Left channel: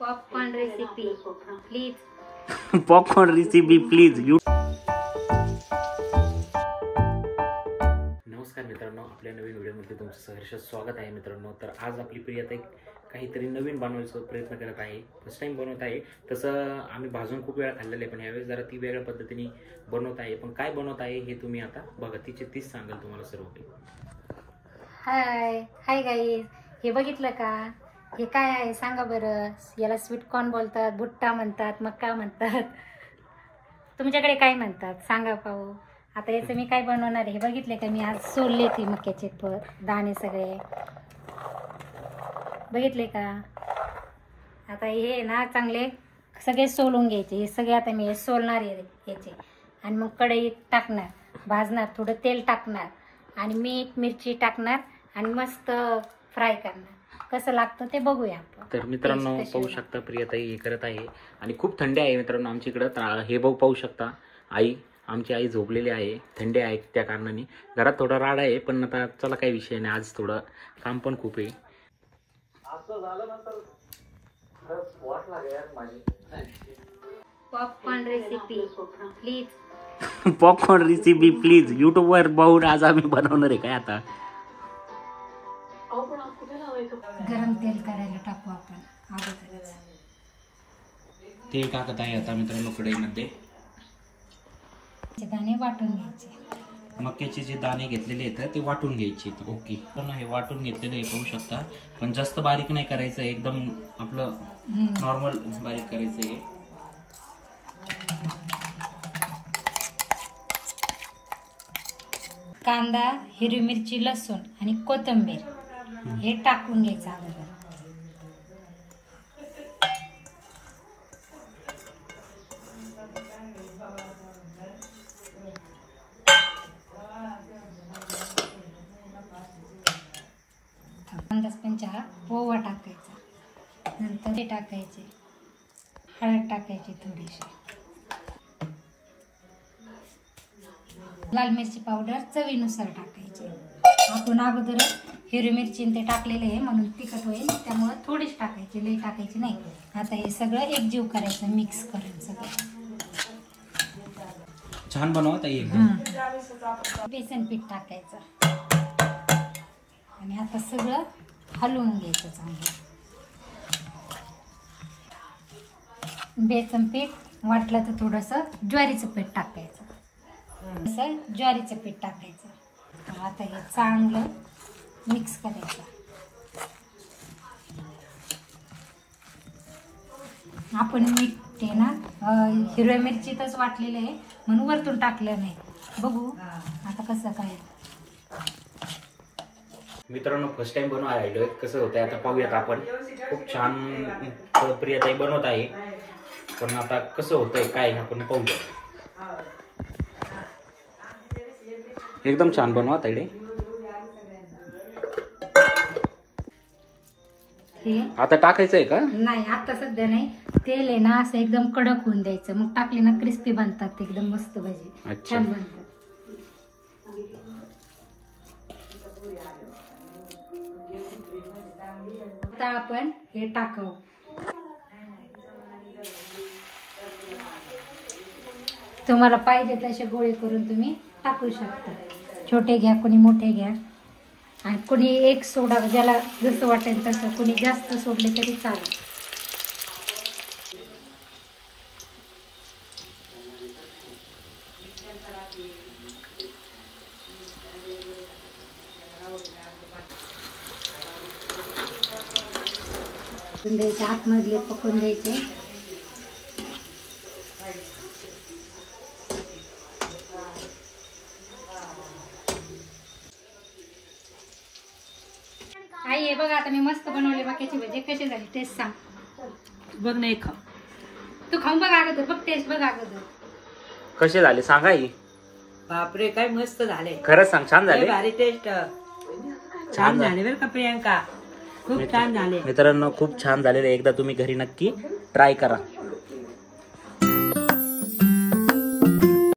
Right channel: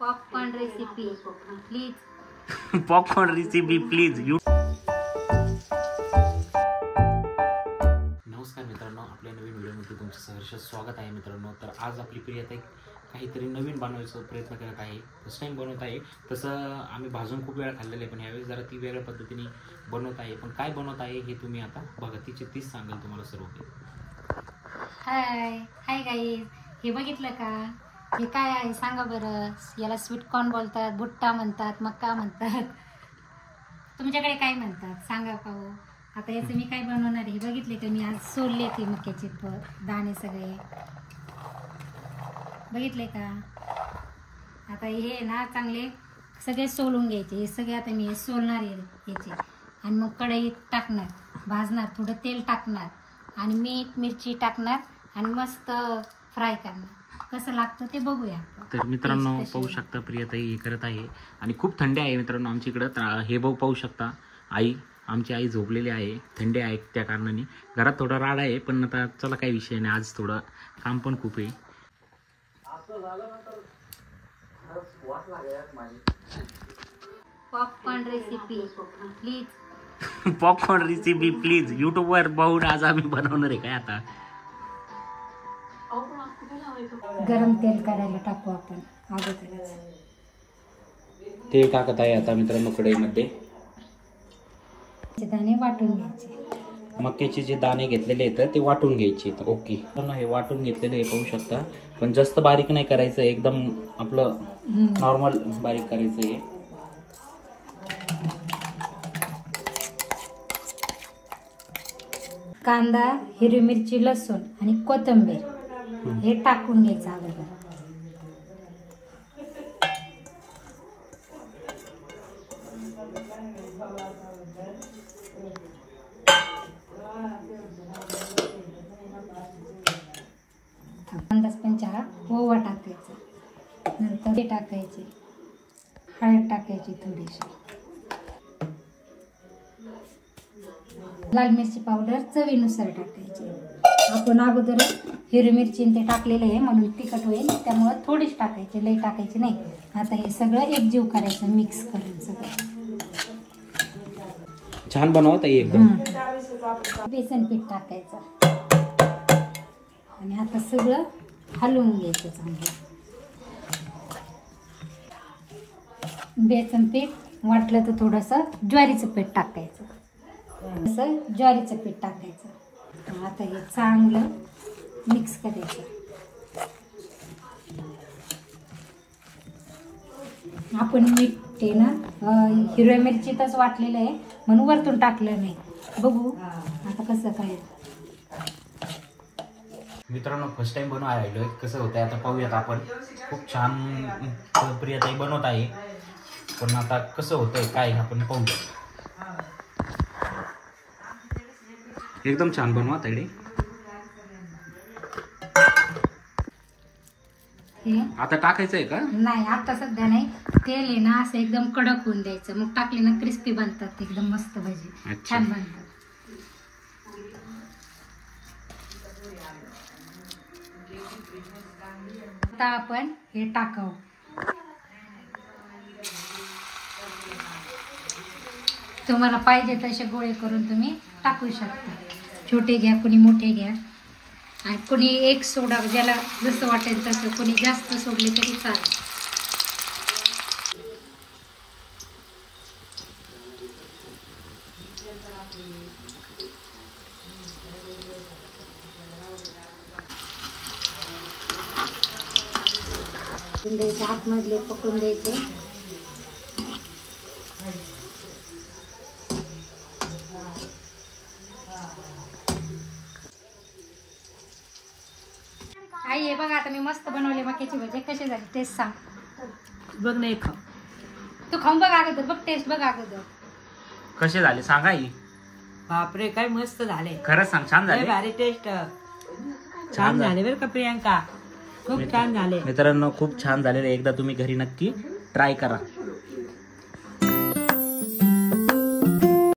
Popcorn recipe please. Popcorn recipe please. नमस्कार मित्रांनो, आपल्या नवीन व्हिडिओमध्ये तुमचं सहर्ष स्वागत आहे मित्रांनो. तर आज आपली प्रियाताई काहीतरी नवीन बनवायचा प्रयत्न करत आहे. फर्स्ट टाइम बनवत आहे. तसं आम्ही भाजून खूप वेळा खाल्लेलं आहे, पण यावेळेस जरा ती वेगळ्या पद्धतीने बनवत आहे. पण काय बनवत आहे हे तुम्ही आता बघा, तिची तीच सांगाल तुम्हाला सर्व काही. हाय गाईज, हे बघितलं का? हे काय आहे सांगा बरं. याला स्वीट कॉर्न बोलतात, भुट्टा म्हणतात, मक्का म्हणतात. तुमच्याकडे काय म्हणतात सांगा पाहू. आता याचं मी काय बनवणार आहे हे बघितले का? मी आज सोलले ती मक्याचे दाणे सगळे बघितले का? आता हे ना चांगले सगळे सोलून घ्यायचे. हे सगळे आता मी हे सोलणार आहे याचे, आणि मग कढईत टाकणार, भाजणार, थोडं तेल टाकणार आणि मीठ मिरची टाकणार आणि मस्त फ्राय करणार. कसं लागतं ते बघूया. तर मित्रांनो पाहू शकता प्रियाताई हे करत आहे आणि खूप थंडी आहे मित्रांनो आमच्या इकडं. हे बघू पाहू शकता, आमची आई झोपलेली आहे. थंडी आहे त्या कारणाने घरात थोडा राड आहे, पण आता चला काही विषय नाही. आज थोडं काम पण खूप आहे. Popcorn recipe please. Popcorn recipe please. युट्यूबवर पाहून आज आम्ही बनवणार आहे. काय आता गरम तेल करायला टाकू आपण अगोदरच. तेल टाकत आहे आता मित्रांनो कढईमध्ये. दाणे वाटून घ्यायचे. मक्याचे जे दाणे घेतलेले आहेत ते वाटून घ्यायचे. ओके, हे वाटून घेतलेले आहे पाहू शकता. पण जास्त बारीक नाही करायचं, एकदम आपलं नॉर्मल बारीक करायचं आहे. कांदा, हिरवी मिरची, लसूण आणि कोथिंबीर हे टाकून घ्यायचं अगोदर. अंदाज पंचा ओवा टाकायचा, नंतर ते टाकायचे, हळद टाकायची थोडीशी, लाल मिरची पावडर चवीनुसार टाकायची. आपण अगोदर हिरवी मिरची ते टाकलेलं आहे म्हणून तिखट होईल, त्यामुळे थोडीच टाकायची, लई टाकायची नाही. आता हे सगळं एकजीव करायचं, मिक्स करून सगळं. छान बनवत आहे एकदम. बेसन पीठ टाकायचं आणि आता सगळं हलवून घ्यायचं चांगलं. बेसन पीठ वाटलं तर थोडंसं ज्वारीचं पीठ टाकायचं, असं ज्वारीचं पीठ टाकायचं. आता हे चांगलं मिक्स करायचं. आपण मीठ ते ना हिरव्या मिरचीतच वाटलेलं आहे म्हणून वरतून टाकलं नाही. बघू आता कसं काय. मित्रांनो फर्स्ट टाइम बनवायला राहिलोय, कसं होतंय आता पाहूयात आपण. खूप छान प्रियाताई बनवत आहे, पण आता कसं होतंय काय आपण पाहूया. एकदम छान बनवत आहे. आता टाकायचं आहे का? नाही आता सध्या नाही. तेल आहे ना असं एकदम कडक होऊन द्यायचं, मग टाकले ना क्रिस्पी बनतात एकदम मस्त भजी, छान बनतात. आता आपण हे टाकावं. तुम्हाला पाहिजे तसे गोळे करून तुम्ही टाकू शकता. छोटे घ्या, कोणी मोठे घ्या, आणि कोणी एक सोडा, ज्याला जसं वाटेल तसं. कोणी जास्त सोडले तरी चालेल. द्यायचे, आतमधले पकडून द्यायचे. आई हे बघा, आता मी मस्त बनवली मक्याची भजी. कशी झाली टेस्ट सांग. बघ नाही खा, तू खाऊन बघ अगोदर, बघ टेस्ट बघ अगोदर कसे झाले सांगा. बापरे काय मस्त झाले. खरंच सांग, छान झाले. भारी टेस्ट, छान झाले बरं का प्रियांका, खूप छान झाले. मित्रांनो खूप छान झालेले. एकदा तुम्ही घरी नक्की ट्राय करा.